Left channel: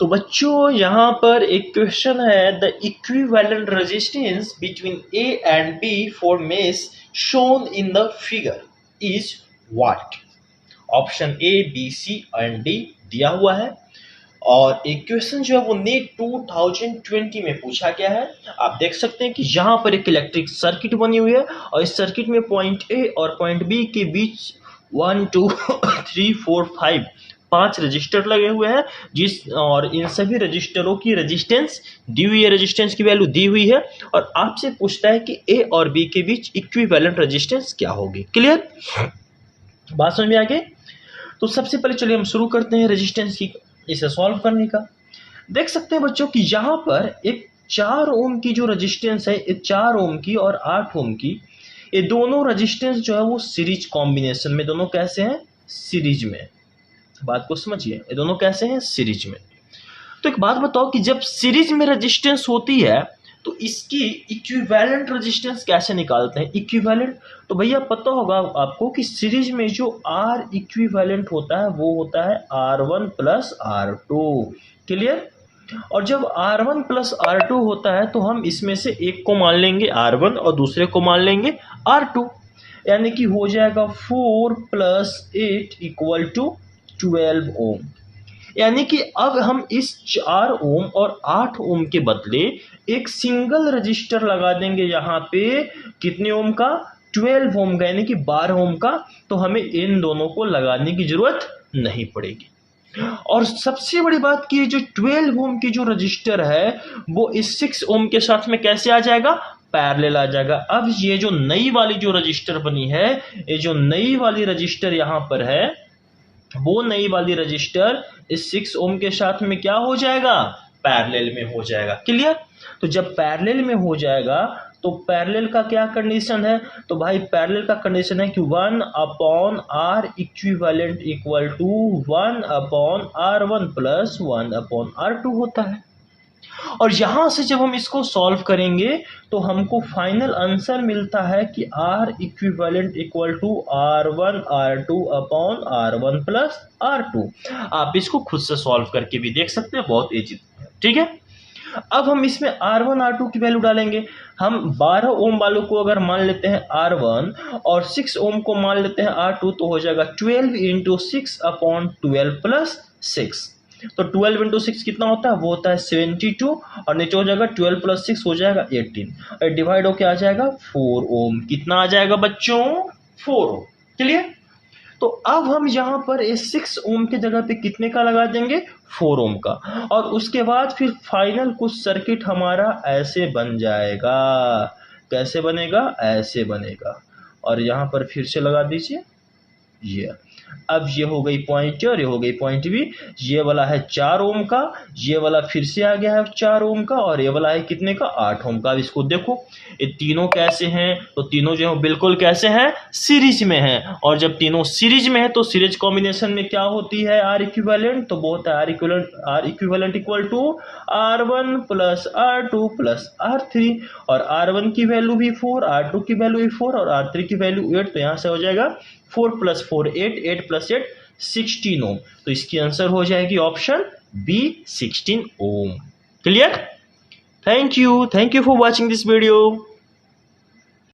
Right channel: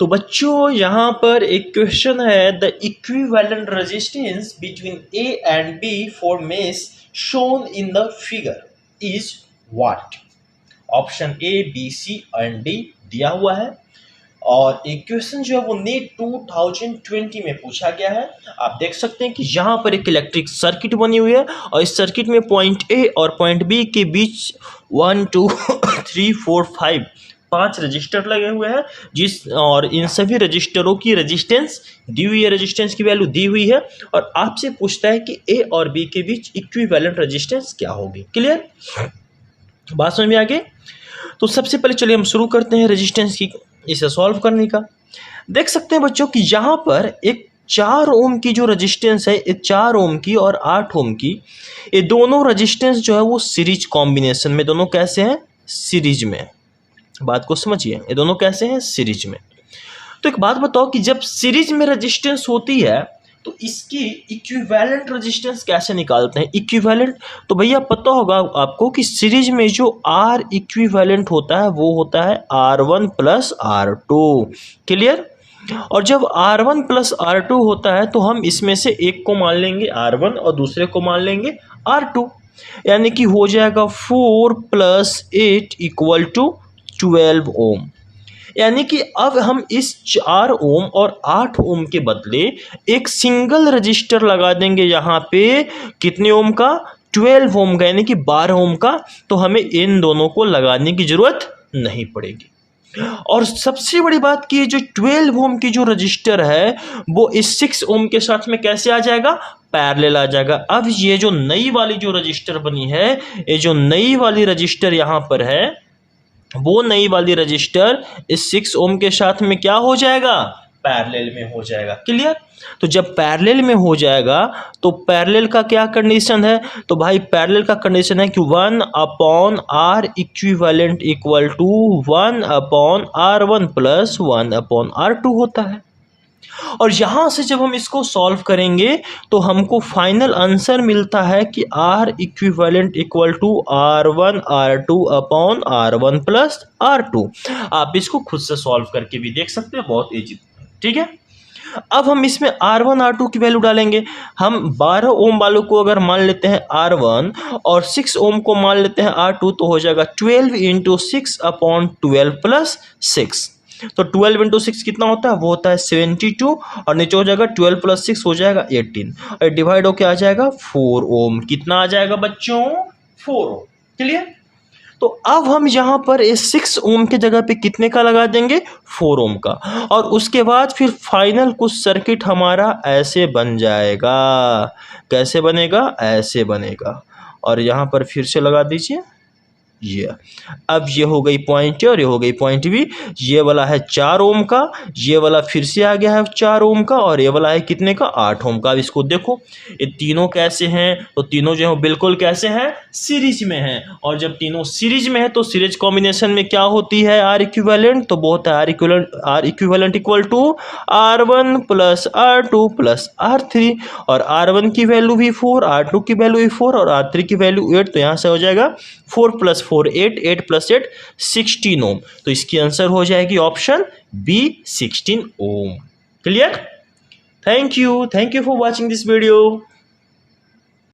तो बच्चों यहाँ पर एक क्वेश्चन है, the equivalent resistance between A and B for mesh shown in the figure is what. Option A, B, C and D दिया हुआ है और एक क्वेश्चन जो है वो नीट 2020 में पूछा गया है। आप देख सकते हैं कि यहाँ पर एक इलेक्ट्रिक सर्किट बनी हुई है और इस सर्किट में पॉइंट ए और पॉइंट बी के बीच 1 2 3 4 5 5 रजिस्टर लगे हुए हैं जिस और इन सभी रजिस्टरों की रेजिस्टेंस दी हुई है, रेजिस्टेंस की वैल्यू दी हुई है और आपसे पूछता है कि ए और बी के बीच इक्विवेलेंट रेजिस्टेंस क्या होगी। क्लियर, बात समझ में आ गई। तो सबसे पहले चलिए हम शुरू करते हैं रेजिस्टेंस की इसे सॉल्व करने का। देख सकते हैं बच्चों कि यहाँ पर एक 4 ओम की जो रेजिस्टेंस है, 4 ओम की और 8 ओम की, ये दोनों रेजिस्टेंस जो है वो सीरीज कॉम्बिनेशन में, दोनों कैसे हैं, सीरीज में। बात को समझिए, ये दोनों कैसे हैं, सीरीज में। तो एक बात बताओ कि जब सीरीज में रेजिस्टेंस होती है तो इसकी इक्विवेलेंट रेजिस्टेंस कैसे निकालते हैं। इक्विवेलेंट तो भैया पता होगा आपको कि सीरीज में जो आर इक्विवेलेंट होता है वो होता है R1 प्लस R2। क्लियर, और जब R1 प्लस R2 होता है तो हम इसमें से एक को मान लेंगे R1 और दूसरे को मान लेंगे R2, यानी कि हो जाएगा 4 + 8 = 12 ओम। यानी कि अब हम इस 4 ओम और 8 ओम के बदले एक सिंगल रजिस्टर लगा देंगे यहाँ पे, कितने ओम का, 12 ओम का, यानी कि 12 ओम का। तो हमें इन दोनों को लगाने की जरूरत नहीं पड़ेगी। और सबसे बड़ी बात कि जो 12 ओम की जो रजिस्टर है वो इस 6 ओम के साथ में कैसे आ जाएगा, पैरेलल आ जाएगा। अब ये जो नई वाली जो रजिस्टर बनी है, ये जो नई वाली रजिस्टर यहाँ पर है, वो नई वाली रजिस्टर इस 6 ओम के साथ में क्या हो जाएगा, पैरेलल में हो जाएगा। क्लियर, तो जब पैरेलल में हो जाएगा तो पैरेलल का क्या कंडीशन है, तो भाई पैरेलल का कंडीशन है कि 1/R इक्विवेलेंट = 1/R1 + 1/R2 होता है। और यहाँ से जब हम इसको सॉल्व करेंगे तो हमको फाइनल आंसर मिलता है कि R equivalent = R1 R2/R1 + R2। आप इसको खुद से सॉल्व करके भी देख सकते हैं, बहुत इजी। ठीक है, अब हम इसमें R1 R2 की वैल्यू डालेंगे। हम 12 ओम वालों को अगर मान लेते हैं R1 और 6 ओम को मान लेते हैं R2 तो हो जाएगा 12 × 6/12 + 6। तो 12 × 6 कितना होता है, वो होता है 72 और नीचे हो जाएगा 12 + 6 हो जाएगा 18 और डिवाइड होके आ जाएगा 4 ओम। कितना आ जाएगा बच्चों, 4 ओम। क्लियर, तो अब हम यहाँ पर इस 6 ओम के जगह पे कितने का लगा देंगे, 4 ओम का। और उसके बाद फिर फाइनल कुछ सर्किट हमारा ऐसे बन जाएगा। कैसे बनेगा, ऐसे बनेगा। और यहाँ पर फिर से लगा दीजिए ये। अब ये हो गई पॉइंट ए और ये हो गई पॉइंट बी। ये वाला है 4 ओम का, ये वाला फिर से आ गया है 4 ओम का और ये वाला है कितने का, 8 ओम का। अब इसको देखो, ये तीनों कैसे हैं, तो तीनों जो है बिल्कुल कैसे हैं, सीरीज में हैं। और जब तीनों सीरीज में है तो सीरीज कॉम्बिनेशन में क्या होती है, आर इक्विवेलेंट, तो वो होता है R equivalent = R1 + R2 + R3। और R1 की वैल्यू भी 4, R2 की वैल्यू भी 4 और R3 की वैल्यू 8। तो यहाँ से हो जाएगा 4 + 4 8, 8 + 8 16 ओम। तो इसकी आंसर हो जाएगी option B, 16 ohm. Clear, thank you for watching this video.